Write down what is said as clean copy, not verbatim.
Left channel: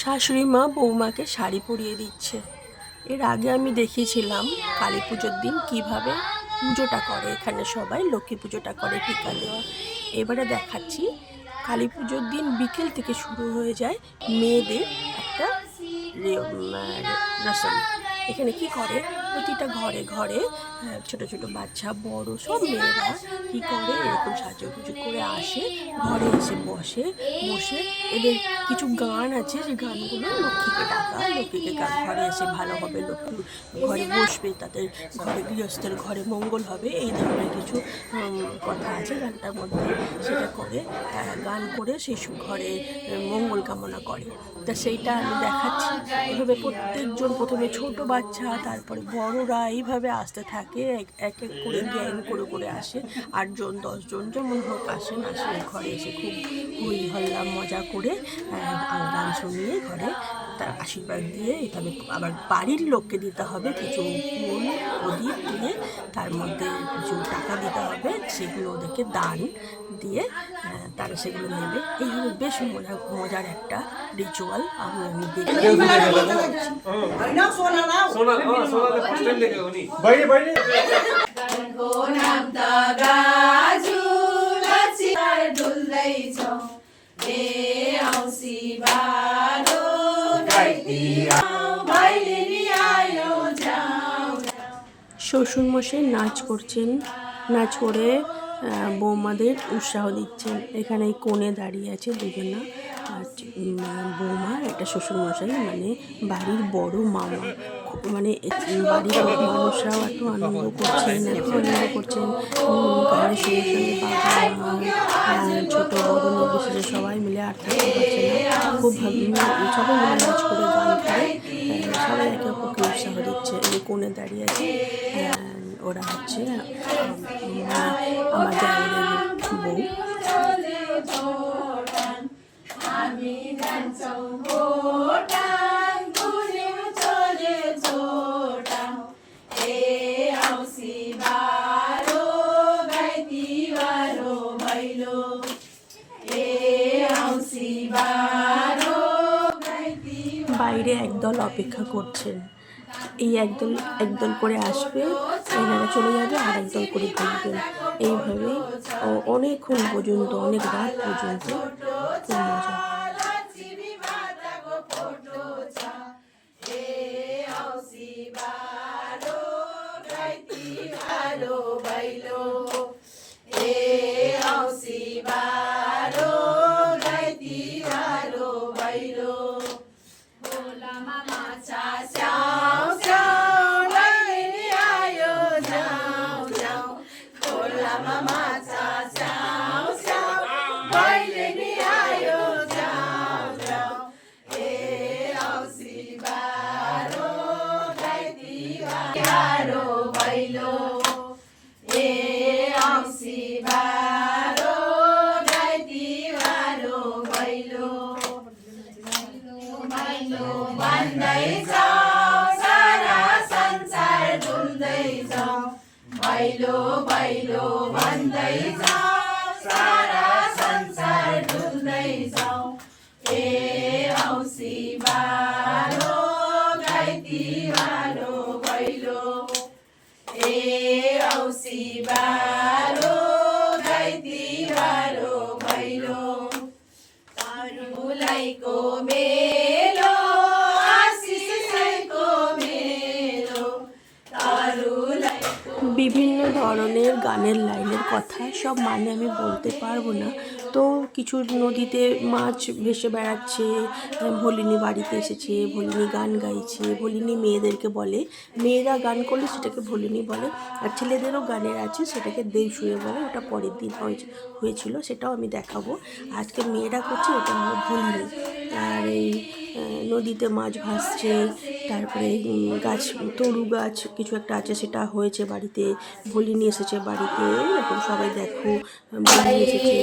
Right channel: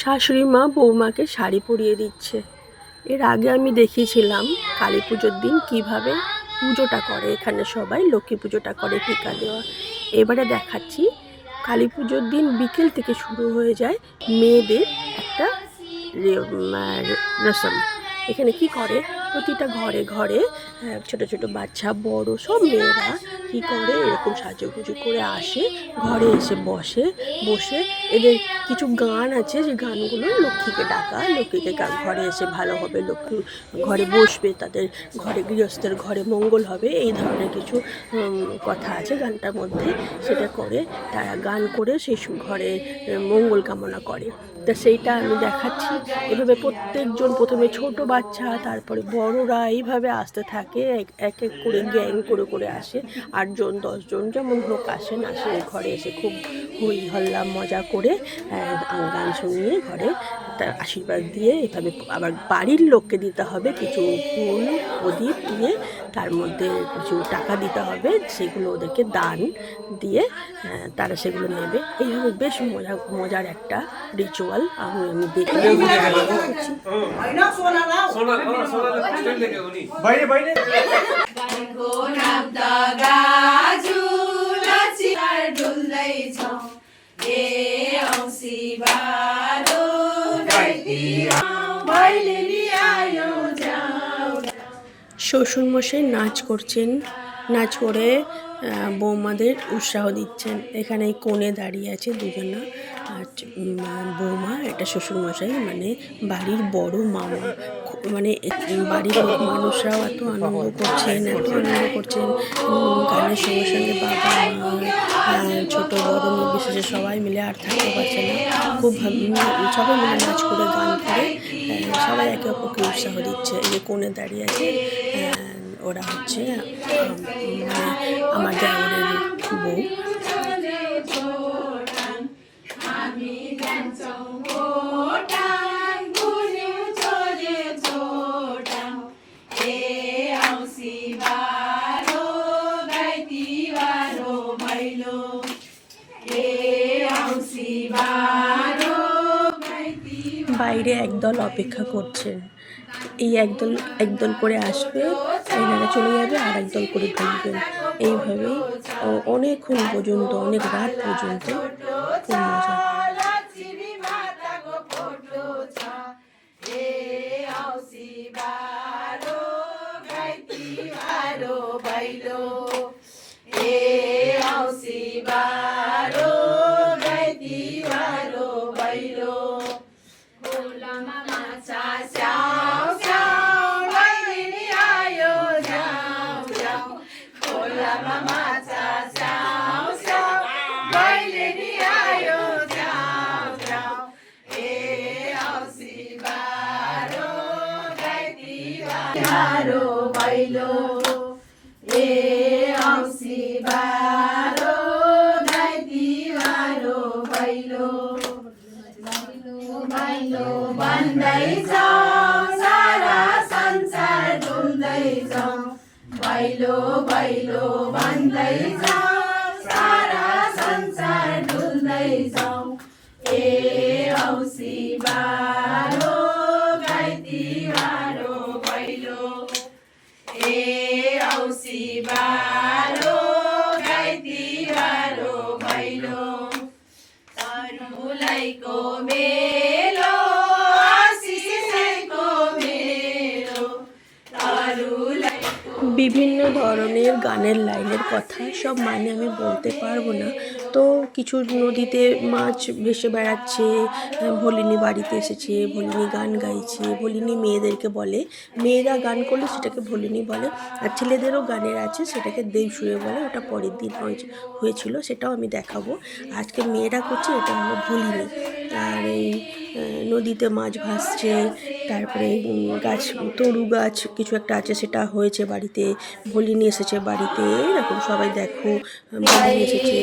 শাশুড়ি মা বৌমাকে শাড়ি পরিয়ে দিচ্ছে। এর আগে আমি দেখিয়েছিলাম কালী পুজোর দিন কিভাবে পুজোটা করে, এখানে সবাই লক্ষ্মী পুজোটা করে টিকা দেওয়া। এবারে দেখাচ্ছি কালী পুজোর দিন বিকেল থেকে শুরু হয়ে যায় মেয়েদের একটা রসম। এখানে কি করে, প্রতিটা ঘরে ঘরে ছোট ছোট বাচ্চা বড় সব মেয়েরা কি করে এরকম সাজুগুজু করে আসে, ঘরে এসে বসে এদের কিছু গান আছে, যে গানগুলো লক্ষ্মীকে ডাকা, লক্ষ্মীকে ঘরে এসে ভালো হবে, লক্ষ্মী ঘরে বসবে, তাদের ঘরে গৃহস্থের ঘরে মঙ্গল হবে, এই ধরনের কিছু কথা আছে গানটার মধ্যে। সেটা করে তারা গান করে সেই ঘরে মঙ্গল কামনা করে। তা সেইটা আমি দেখাচ্ছি। এভাবে প্রত্যেকজন, প্রথমে ছোট বাচ্চা, তারপরে বড়রা এইভাবে আসতে থাকে, এক এক করে গ্যাং করে আসে, 8জন 10জন যেমন হোক আসেন, ঘরে এসে খুব হই হল্লা মজা করে গান শুনিয়ে ঘরে তার আশীর্বাদ দিয়ে এভাবে আবার বাড়ির লোককে দিতে হবে কিছু ফুল প্রদীপ দিয়ে, তার মধ্যে কিছু টাকা দিতে হবে, সেগুলো ওদেরকে দান দিয়ে তারা সেগুলো নেবে। এইভাবে বেশ মজার একটা রিচুয়াল আমি দেখি। শ্বশুরমশাই নাচ করছেন, নাচ করে বৌমাদের উৎসাহ দিচ্ছেন। এখানে কোণে দাঁড়িয়ে আছে দুজনা, আর বৌমা, এটা শ্বশুরমশাই মানে বাড়ির বড় মামা। মানে বাড়ির মানুষরাও এত আনন্দ করছেন, গানের সঙ্গে সঙ্গে বাবা মা ছোট বড় নির্বিশেষে সবাই মিলে আর থাকতে পারছে না, খুব সবাই মিলে নাচ করে গান করে সবাই একে অপরকে উৎসাহ দিচ্ছে। এই যে কোণে দাঁড়িয়ে আছে ওরা হচ্ছে মানে আমার দেওরের বউ। বাইরে একদল অপেক্ষা করছেন, এই একদল করে আসবে, এনারা চলে যাবে, আর একদল করে ঢুকবেন। এইভাবেই অনেকক্ষণ পর্যন্ত, অনেক রাত পর্যন্ত খুব মজা। भैलो भैलो भन्दै जाऊ, सारा संसार डुल्दै जाऊ। ए औसी बारो गाई तिहारो भैलो, ए औसी बारो गाई तिहारो भैलो। तरुलाईको मेलो आशिषको मेलो, तरुलाई বিভিন্ন ধরনের গানের লাইনের কথা সব মানে আমি বলতে পারবো না। তো কিছু নদীতে মাছ ভেসে বেড়াচ্ছে, ভোলিনী বাড়িতে এসেছে, ভোলিনী গান গাইছে, ভোলিনী মেয়েদেরকে বলে, মেয়েরা গান করলে সেটাকে ভোলিনী বলে, আর ছেলেদেরও গানের আছে সেটাকে দেবসুরে বলে। ওটা পরের দিন হয়েছিল, সেটাও আমি দেখাবো। আজকে মেয়েরা করছে, এটা হলো ভোলিনী। আর এই নদীতে মাছ ভাসছে, তারপরে গাছ, তরু গাছ কিছু একটা আছে, সেটা হয়েছে বাড়িতে, ভোলিনী এসেছে বাড়িতে, এরকম সবাই দেখো ভোলিনী এসেছে,